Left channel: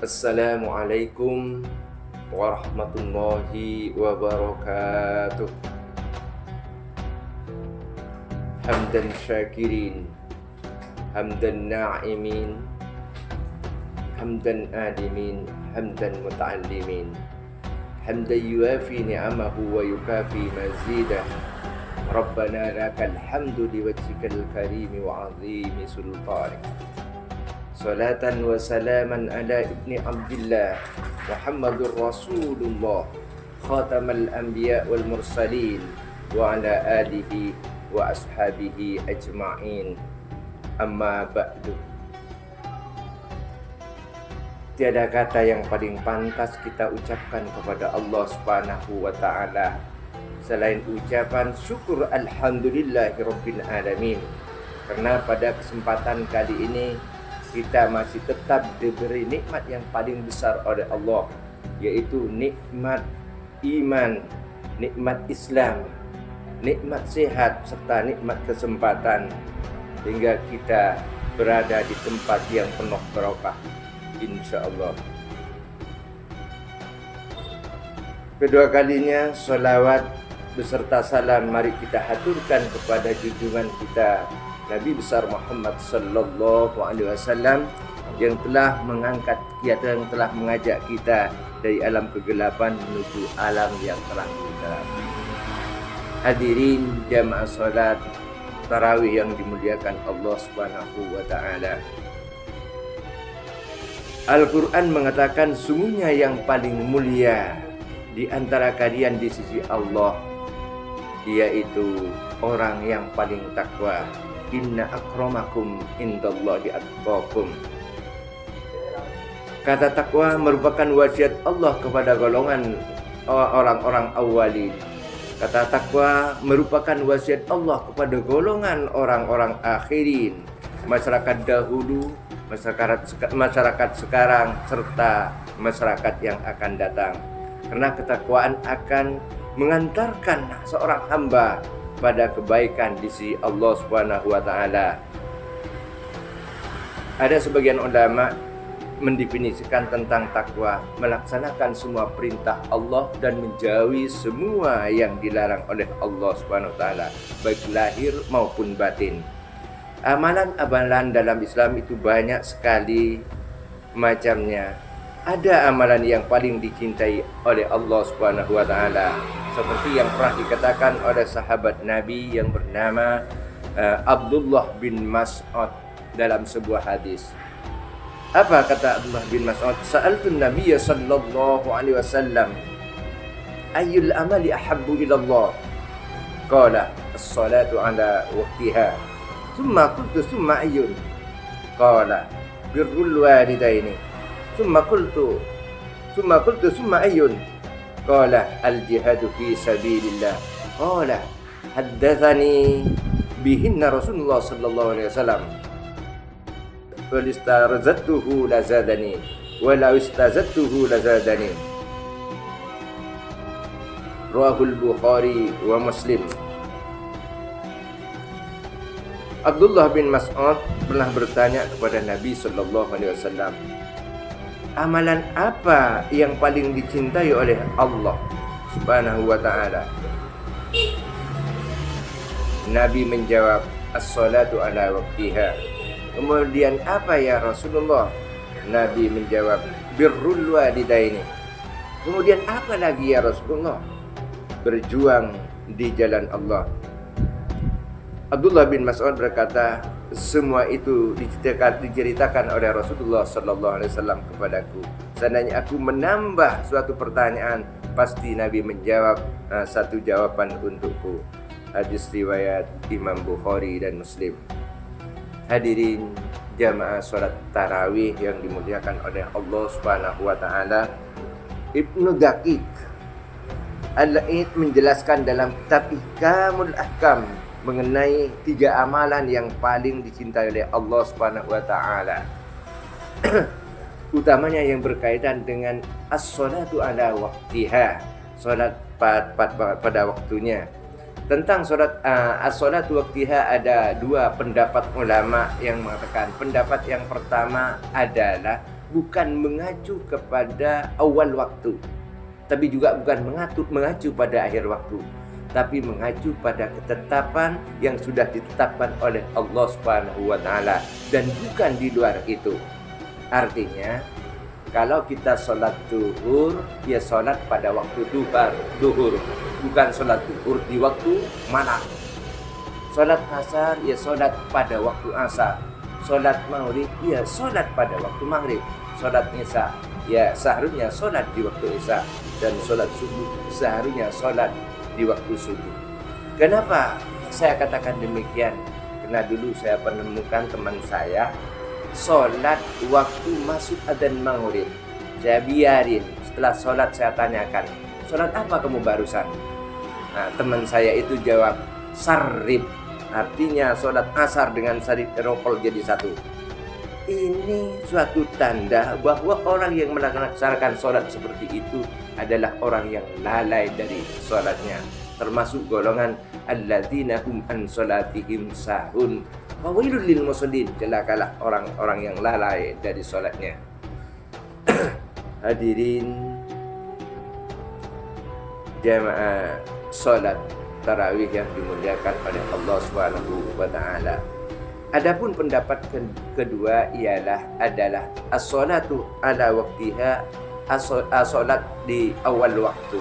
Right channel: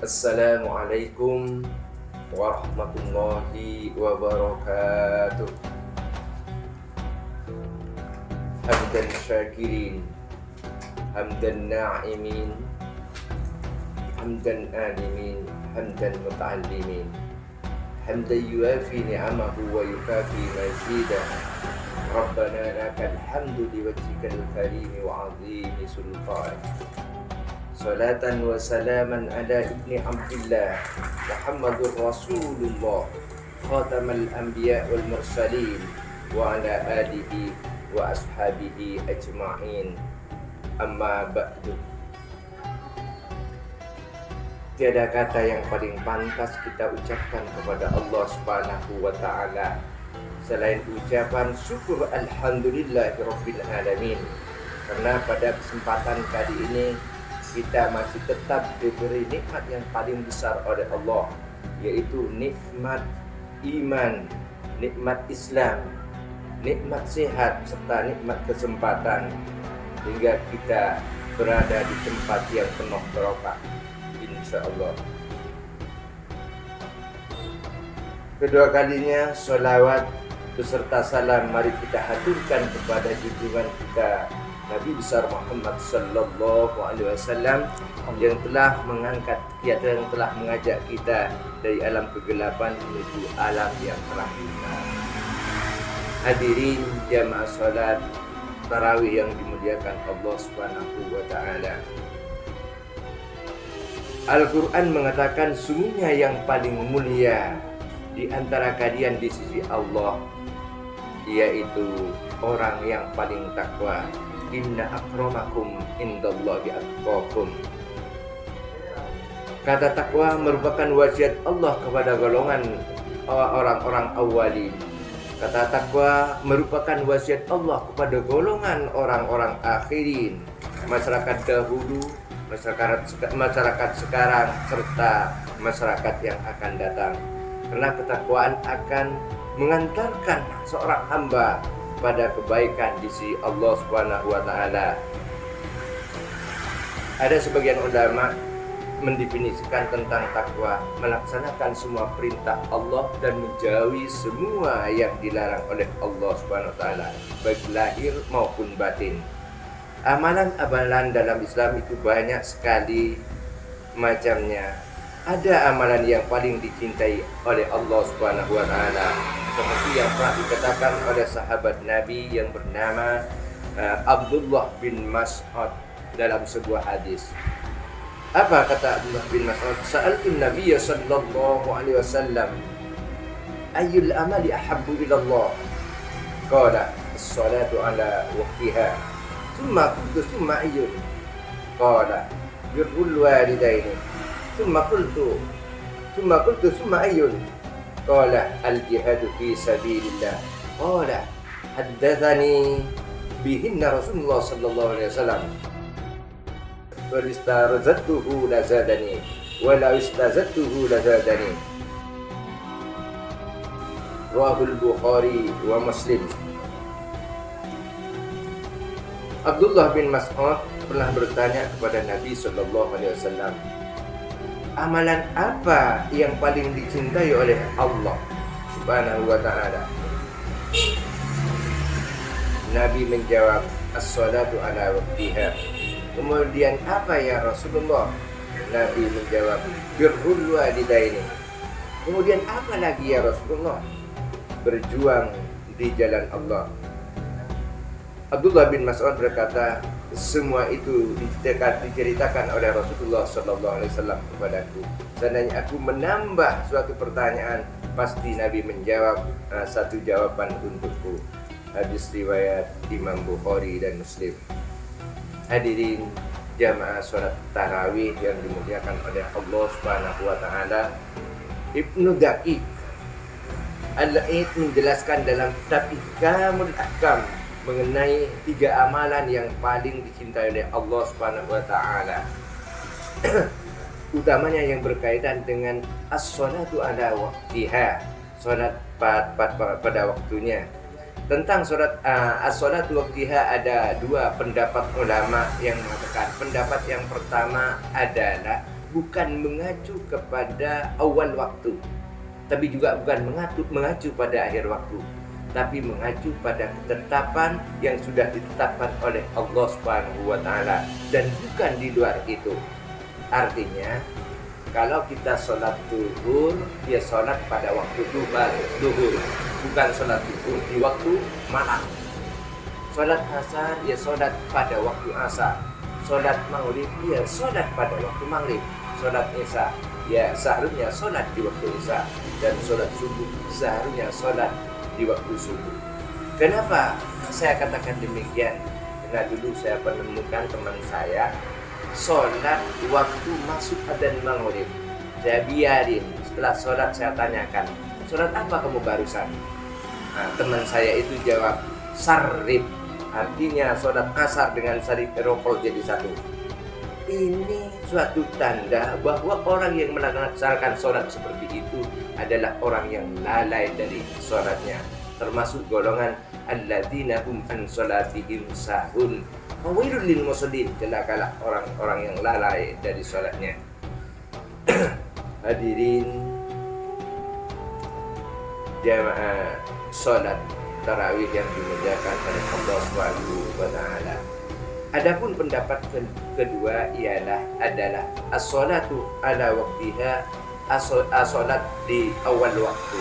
Assalamualaikum warahmatullahi wabarakatuh. Hamdan syakirin, hamdan na'imin, hamdan alimin, hamdan muta'allimin, hamdan yuafi ni'amahu wa yukafi mazidah. Rabbana lakal hamdu liwajhikal karimi wa azimi sultanik. Salatan wa salaman ala ibni Abdillah Muhammadur Rasulullah khatamal anbiya wal mursalin wa ala alihi wa ashabihi ajma'in. Amma ba'du. Tiada kata yang paling pantas kita ucapkan kepada Allah Subhanahu wa ta'ala selain ucapan syukur alhamdulillahirabbil alamin. Karena pada kesempatan kali ini kita masih tetap diberi nikmat yang paling besar oleh Allah, yaitu nikmat iman, nikmat Islam, nikmat sehat, serta nikmat kesempatan, hingga kita berada di tempat yang penuh barokah, insya Allah. Kedua kalinya sholawat beserta salam mari kita haturkan kepada junjungan kita Nabi besar Muhammad sallallahu alaihi wasallam yang telah yang telah mengajak kita dari alam kegelapan menuju alam yang terang benderang. Hadirin jamaah salat tarawih yang dimuliakan Allah Subhanahu wa taala. Al-Qur'an mengatakan sungguhnya yang paling mulia di antara kalian di sisi Allah yaitu orang yang paling takwa. Inna akramakum indallahi atqakum. Kata takwa merupakan wasiat Allah kepada golongan orang-orang awalin. Kata takwa merupakan wasiat Allah kepada golongan orang-orang akhirin, masyarakat dahulu, masyarakat sekarang, serta masyarakat yang akan datang. Karena ketakwaan akan mengantarkan seorang hamba pada kebaikan di sisi Allah Subhanahu wa taala. Ada sebagian ulama mendefinisikan tentang takwa melaksanakan semua perintah Allah dan menjauhi semua yang dilarang oleh Allah Subhanahu wa taala, baik lahir maupun batin. Amalan-amalan dalam Islam itu banyak sekali macamnya. Ada amalan yang paling dicintai oleh Allah Subhanahu wa taala, seperti yang pernah dikatakan oleh sahabat Nabi yang bernama Abdullah bin Mas'ud dalam sebuah hadis. Apa kata Abdullah bin Mas'ud? Sa'altu Nabiy sallallahu alaihi wasallam, ayyul amali ahabbu ila Allah? Qala as-salatu ala waqtiha. Thumma qultu thumma ayyun? Qala birrul walidaini. Thumma qultu thumma ayyun? Qala al-jihadu fi sabilillah. Qala haddatsani bihinna Rasulullah sallallahu alaihi wasallam. Wa istarzatuhu lazadani wa la istazatuhu lazadani. Rawahul Bukhari wa Muslim. Abdullah bin Mas'ud pernah bertanya kepada Nabi sallallahu alaihi wasallam, amalan apa yang paling dicintai oleh Allah Subhanahu wa ta'ala? Nabi menjawab, as-salatu ala waqtiha. Kemudian apa ya Rasulullah? Nabi menjawab, birrul walidaini. Kemudian apa lagi ya Rasulullah? Berjuang di jalan Allah. Abdullah bin Mas'ud berkata, semua itu diceritakan oleh Rasulullah sallallahu alaihi wasallam kepadaku. Seandainya aku menambah suatu pertanyaan, pasti Nabi menjawab satu jawaban untukku. Hadis riwayat Imam Bukhari dan Muslim. Hadirin jamaah salat tarawih yang dimuliakan oleh Allah Subhanahu wa taala, Ibnu Daqiq Al-Aid menjelaskan dalam kitab Ihkamul Ahkam mengenai 3 amalan yang paling dicintai oleh Allah Subhanahu wa taala. Utamanya yang berkaitan dengan as-salatu ala waqtiha, salat pada waktunya. Tentang salat as-salatu waqtiha ada 2 pendapat ulama yang mengatakan. Pendapat yang pertama adalah bukan mengacu kepada awal waktu, tapi juga bukan mengacu pada akhir waktu, tapi mengacu pada ketetapan yang sudah ditetapkan oleh Allah Subhanahu wa taala dan bukan di luar itu. Artinya, kalau kita sholat duhur, dia sholat pada waktu duhur, bukan sholat duhur di waktu malam. Sholat asar, ya sholat pada waktu asar. Sholat maghrib, ya sholat pada waktu maghrib. Sholat isya, ya seharusnya sholat di waktu isya. Dan sholat subuh, seharusnya sholat di waktu subuh. Kenapa saya katakan demikian? Karena dulu saya menemukan teman saya sholat waktu masuk adzan maghrib. Saya biarin, setelah sholat saya tanyakan, sholat apa kamu barusan? Nah, teman saya itu jawab, sarrib. Artinya sholat asar dengan sarrib eropol jadi satu. Ini suatu tanda bahwa orang yang melaksanakan sholat seperti itu adalah orang yang lalai dari sholatnya, termasuk golongan alladzina hum an sholatihim sahun. Fawailul lil musallin, celakalah orang-orang yang lalai dari sholatnya. Hadirin jamaah sholat tarawih yang dimuliakan oleh Allah Subhanahu wa taala. Adapun pendapat kedua adalah as-sholatu ala waqtiha, as-sholat di awal waktu.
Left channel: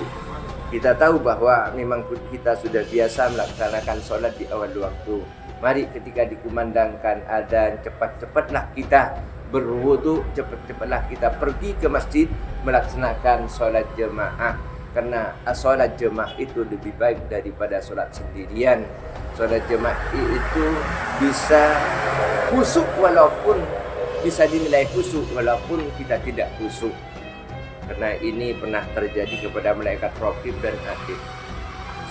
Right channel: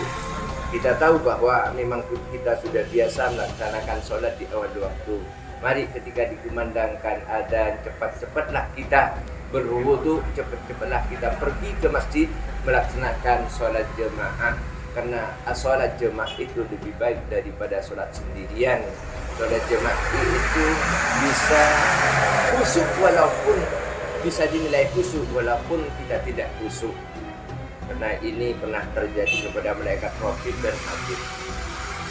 Kita tahu bahwa memang kita sudah biasa melaksanakan sholat di awal waktu. Mari ketika dikumandangkan adzan, cepat-cepatlah kita berwudu, cepat-cepatlah kita pergi ke masjid melaksanakan sholat jemaah. Karena sholat jemaah itu lebih baik daripada sholat sendirian. Sholat jemaah itu bisa khusyuk walaupun bisa dinilai khusyuk walaupun kita tidak khusyuk. Karena ini pernah terjadi kepada malaikat raqib dan atid.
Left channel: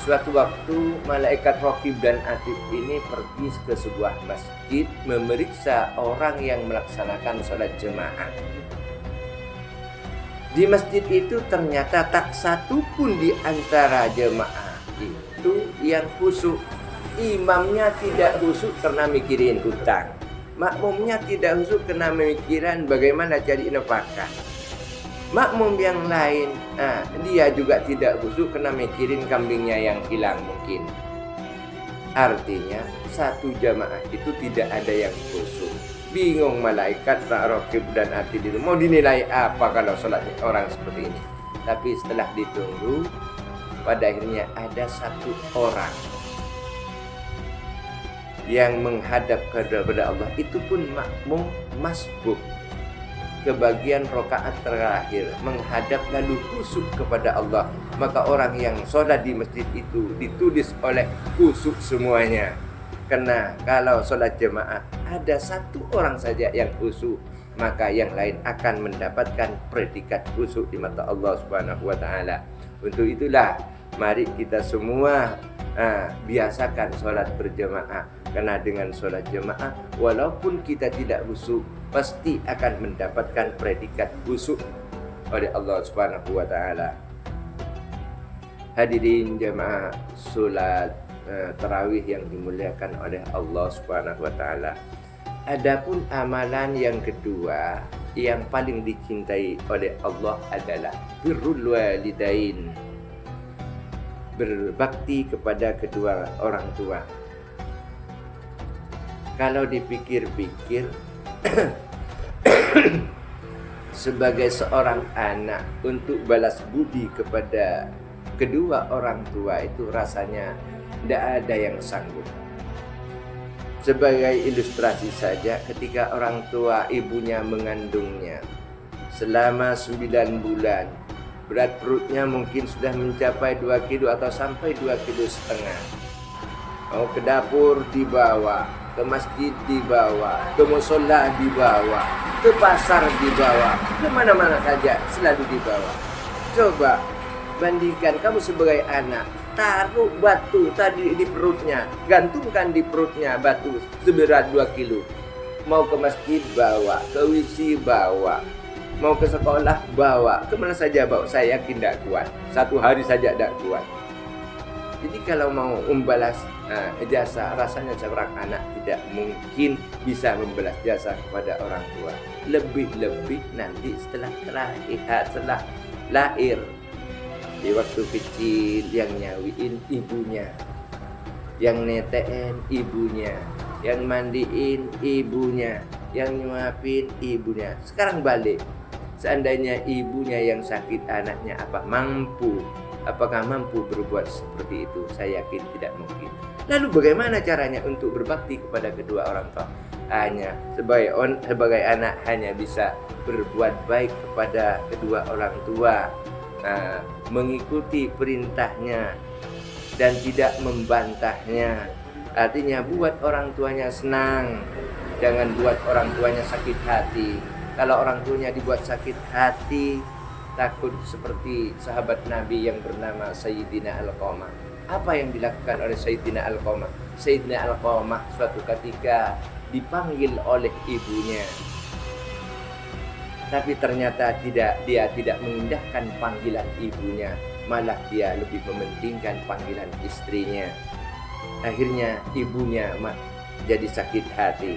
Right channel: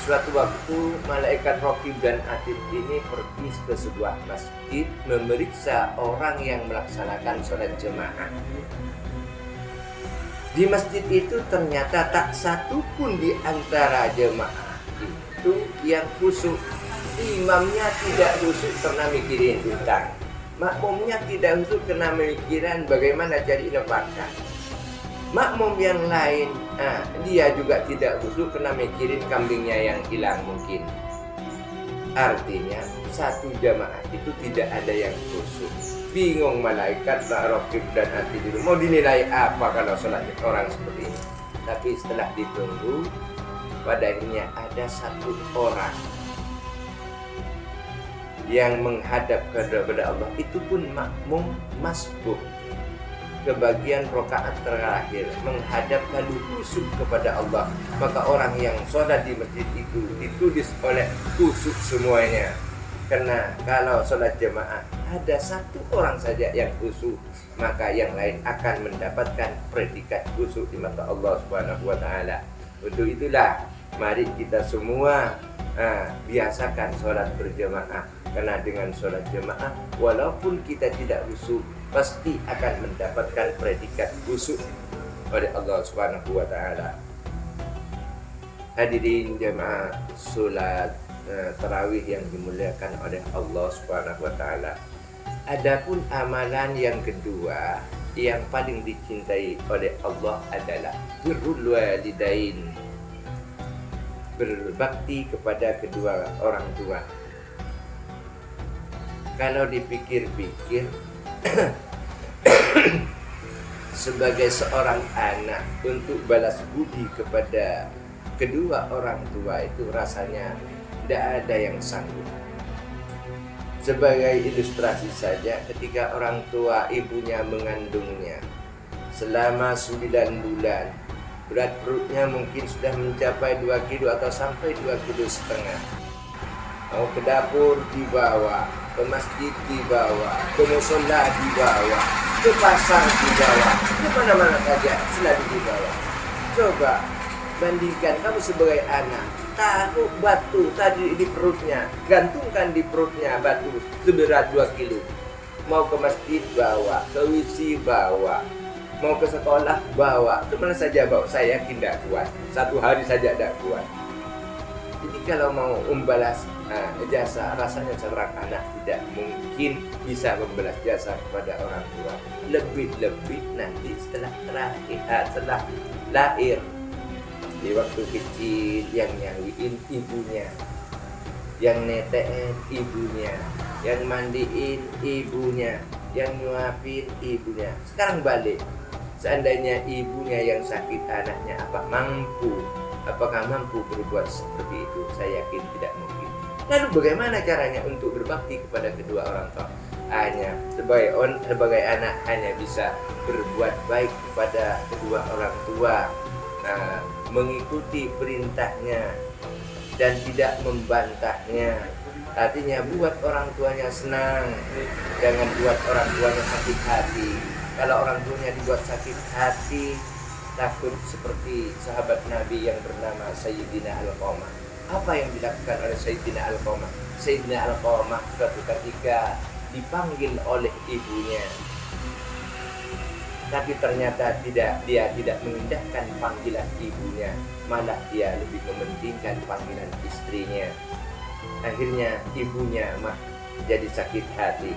Suatu waktu malaikat raqib dan atid ini pergi ke sebuah masjid memeriksa orang yang melaksanakan sholat jemaah. Di masjid itu ternyata tak satu pun di antara jemaah itu yang khusyuk. Imamnya tidak khusyuk karena mikirin hutang, makmumnya tidak khusyuk karena mikiran bagaimana cari nafkah. Makmum yang lain, dia juga tidak khusyuk karena mikirin kambingnya yang hilang mungkin. Artinya satu jamaah itu tidak ada yang khusyuk. Bingung malaikat raqib dan atid itu mau dinilai apa kalau sholat orang seperti ini. Tapi setelah ditunggu, pada akhirnya ada satu orang yang menghadap kepada Allah, itu pun makmum masbuk ke bagian rakaat terakhir, menghadap lalu khusyuk kepada Allah. Maka orang yang sholat di masjid itu ditulis oleh khusyuk semuanya. Karena kalau sholat jemaah ada satu orang saja yang khusyuk, maka yang lain akan mendapatkan predikat khusyuk di mata Allah Subhanahu wa taala. Untuk itulah mari kita semua biasakan sholat berjemaah. Karena dengan sholat jemaah, walaupun kita tidak khusyuk, pasti akan mendapatkan predikat khusyuk oleh Allah Subhanahu wa taala. Hadirin jemaah sholat tarawih yang dimuliakan oleh Allah Subhanahu wa taala. Adapun amalan yang kedua yang paling dicintai oleh Allah adalah birrul walidain, berbakti kepada kedua orang tua. Kalau dipikir-pikir, sebagai seorang anak untuk balas budi kepada kedua orang tua itu rasanya tidak ada yang sanggup. Sebagai ilustrasi saja, ketika orang tua ibunya mengandungnya selama 9 bulan, berat perutnya mungkin sudah mencapai 2 kilo atau sampai 2,5 kilo. Mau ke dapur dibawa, ke masjid dibawa, ke musola dibawa, ke pasar dibawa, ke mana-mana saja selalu dibawa. Coba bandingkan kamu sebagai anak, taruh batu tadi di perutnya, gantungkan di perutnya batu seberat 2 kilo. Mau ke masjid bawa, ke WC bawa, mau ke sekolah bawa, kemana saja bawa. Saya yakin tidak kuat, 1 hari saja tidak kuat. Jadi kalau mau membalas jasa. Rasanya seorang anak tidak mungkin bisa membalas jasa kepada orang tua, lebih-lebih nanti setelah lahir. Di waktu kecil yang nyawiin ibunya, yang netein ibunya, yang mandiin ibunya, yang nyuapin ibunya. Sekarang balik, seandainya ibunya yang sakit, anaknya apakah mampu berbuat seperti itu? Saya yakin tidak mungkin. Lalu bagaimana caranya untuk berbakti kepada kedua orang tua? Hanya sebagai anak hanya bisa berbuat baik kepada kedua orang tua, mengikuti perintahnya dan tidak membantahnya. Artinya buat orang tuanya senang, jangan buat orang tuanya sakit hati. Kalau orang tuanya dibuat sakit hati, takut seperti sahabat Nabi yang bernama Sayyidina Alqamah. Apa yang dilakukan oleh Sayyidina Alqamah? Sayyidina Alqamah suatu ketika dipanggil oleh ibunya, tapi ternyata dia tidak mengindahkan panggilan ibunya, malah dia lebih mementingkan panggilan istrinya. Akhirnya ibunya jadi sakit hati.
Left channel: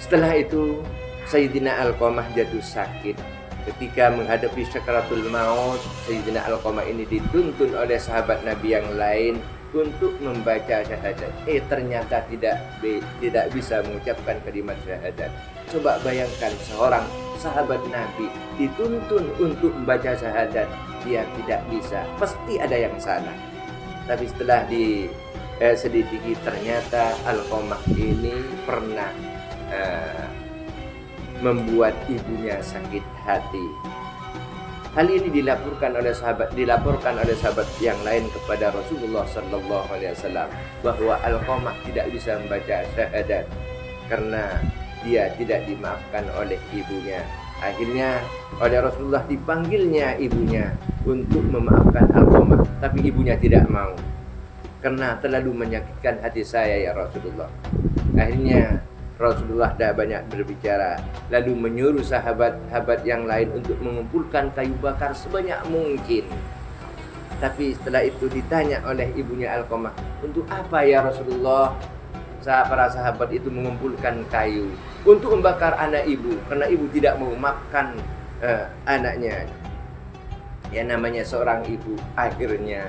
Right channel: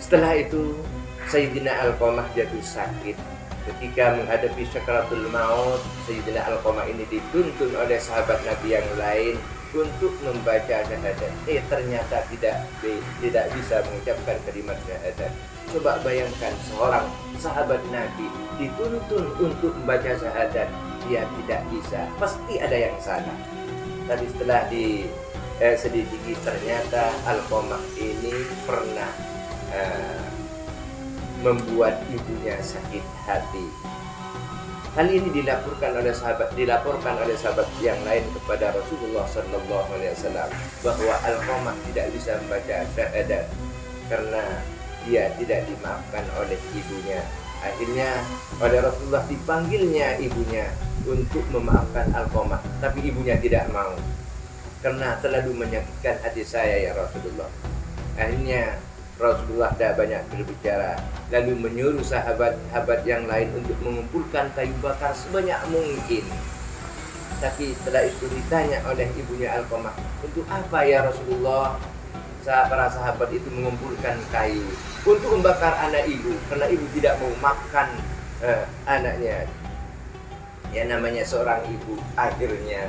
Setelah itu Sayyidina Alqamah jatuh sakit. Ketika menghadapi sakaratul maut, Sayyidina Alqamah ini dituntun oleh sahabat Nabi yang lain untuk membaca syahadat. Ternyata tidak bisa mengucapkan kalimat syahadat. Coba bayangkan seorang sahabat Nabi dituntun untuk membaca syahadat, dia tidak bisa, pasti ada yang salah. Tapi setelah diselidiki, ternyata Alqamah ini pernah membuat ibunya sakit hati. Hal ini dilaporkan oleh sahabat yang lain kepada Rasulullah Sallallahu Alaihi Wasallam bahwa Alqamah tidak bisa membaca syahadat karena dia tidak dimaafkan oleh ibunya. Akhirnya oleh Rasulullah dipanggilnya ibunya untuk memaafkan Alqamah, tapi ibunya tidak mau karena terlalu menyakitkan hati saya ya Rasulullah. Akhirnya Rasulullah dah banyak berbicara, lalu menyuruh sahabat-sahabat yang lain untuk mengumpulkan kayu bakar sebanyak mungkin. Tapi setelah itu ditanya oleh ibunya Alqamah, untuk apa ya Rasulullah? Para sahabat itu mengumpulkan kayu untuk membakar anak ibu, karena ibu tidak mau makan anaknya. Ya namanya seorang ibu. Akhirnya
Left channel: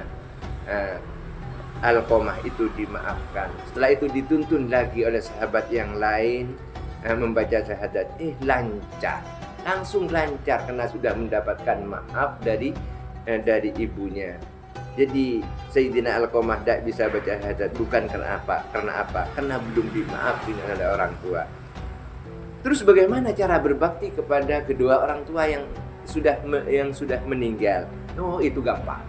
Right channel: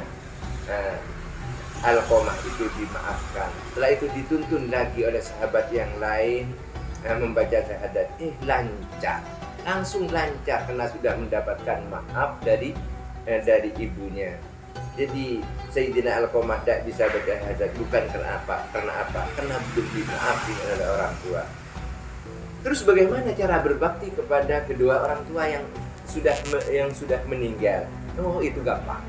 Alqamah itu dimaafkan. Setelah itu dituntun lagi oleh sahabat yang lain membaca syahadat. Langsung lancar karena sudah mendapatkan maaf dari ibunya. Jadi Sayyidina Alqamah tidak bisa baca syahadat bukan karena apa? Karena belum dimaafkan oleh orang tua. Terus bagaimana cara berbakti kepada kedua orang tua yang sudah meninggal? Oh, itu gampang,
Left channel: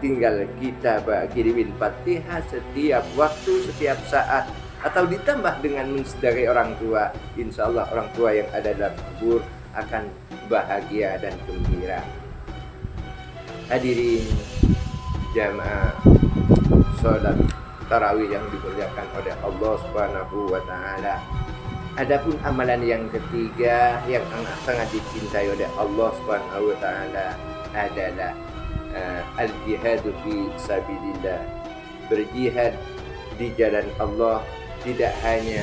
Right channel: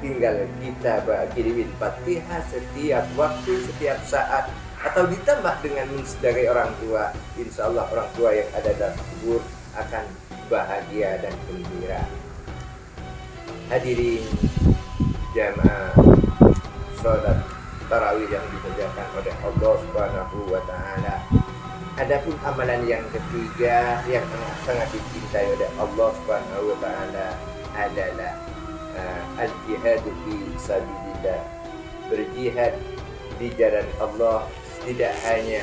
tinggal kita kirimin Fatihah setiap waktu, setiap saat, atau ditambah dengan mensedari orang tua. Insya Allah orang tua yang ada dalam kubur akan bahagia dan gembira. Hadirin jamaah sholat tarawih yang dikerjakan oleh Allah Subhanahu wa Ta'ala. Adapun amalan yang ketiga yang sangat dicintai oleh Allah Subhanahu wa Ta'ala adalah al-jihadu fi sabilillah. Berjihad di jalan Allah, tidak hanya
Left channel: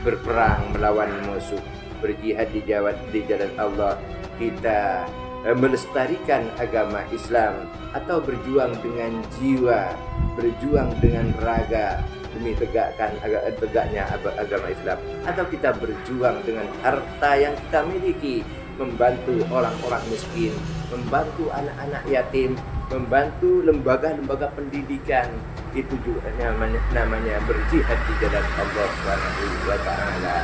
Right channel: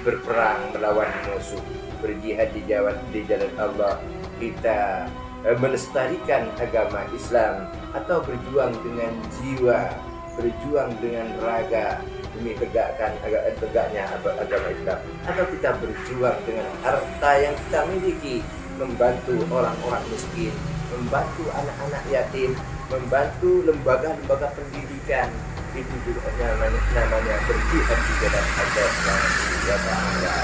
berperang melawan musuh. Berjihad di jalan Allah, kita melestarikan agama Islam, atau berjuang dengan jiwa, berjuang dengan raga demi tegaknya agama Islam, atau kita berjuang dengan harta yang kita miliki, membantu orang-orang miskin, membantu anak-anak yatim, membantu lembaga-lembaga pendidikan. Itu juga namanya berjihad di jalan Allah Subhanahu wa Ta'ala.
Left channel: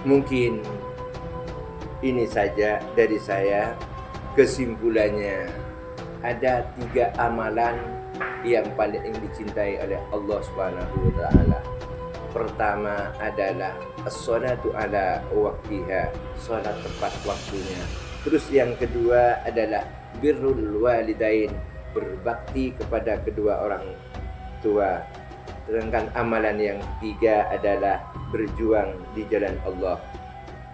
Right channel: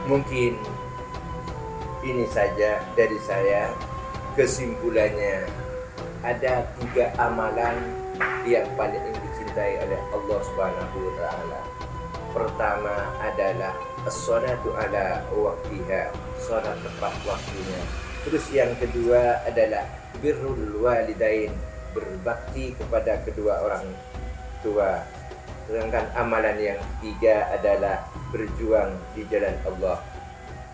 Mungkin ini saja dari saya. Kesimpulannya, ada 3 amalan yang paling dicintai oleh Allah Subhanahu wa Ta'ala. Pertama adalah as-sholatu ala waqtiha, salat tepat waktunya. Terus yang kedua adalah birrul walidain, berbakti kepada kedua orang tua. Sedangkan amalan yang ketiga adalah berjuang di jalan Allah.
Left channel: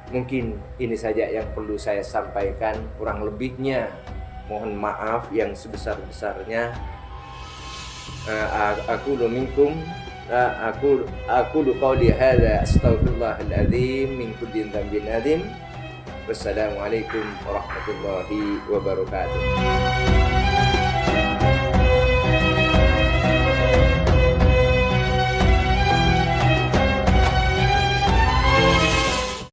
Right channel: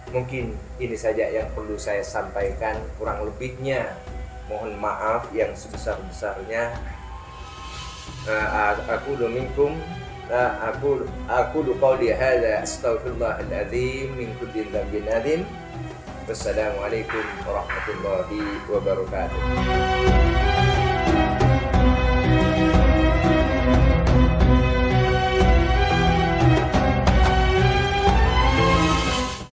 Mungkin ini saja yang perlu saya sampaikan, kurang lebihnya Mohon maaf yang sebesar-besarnya. Aku minkum aku qawli hadza astaghfirullahal azim min kulli dhanbin adzim. Wassalamualaikum warahmatullahi wabarakatuh.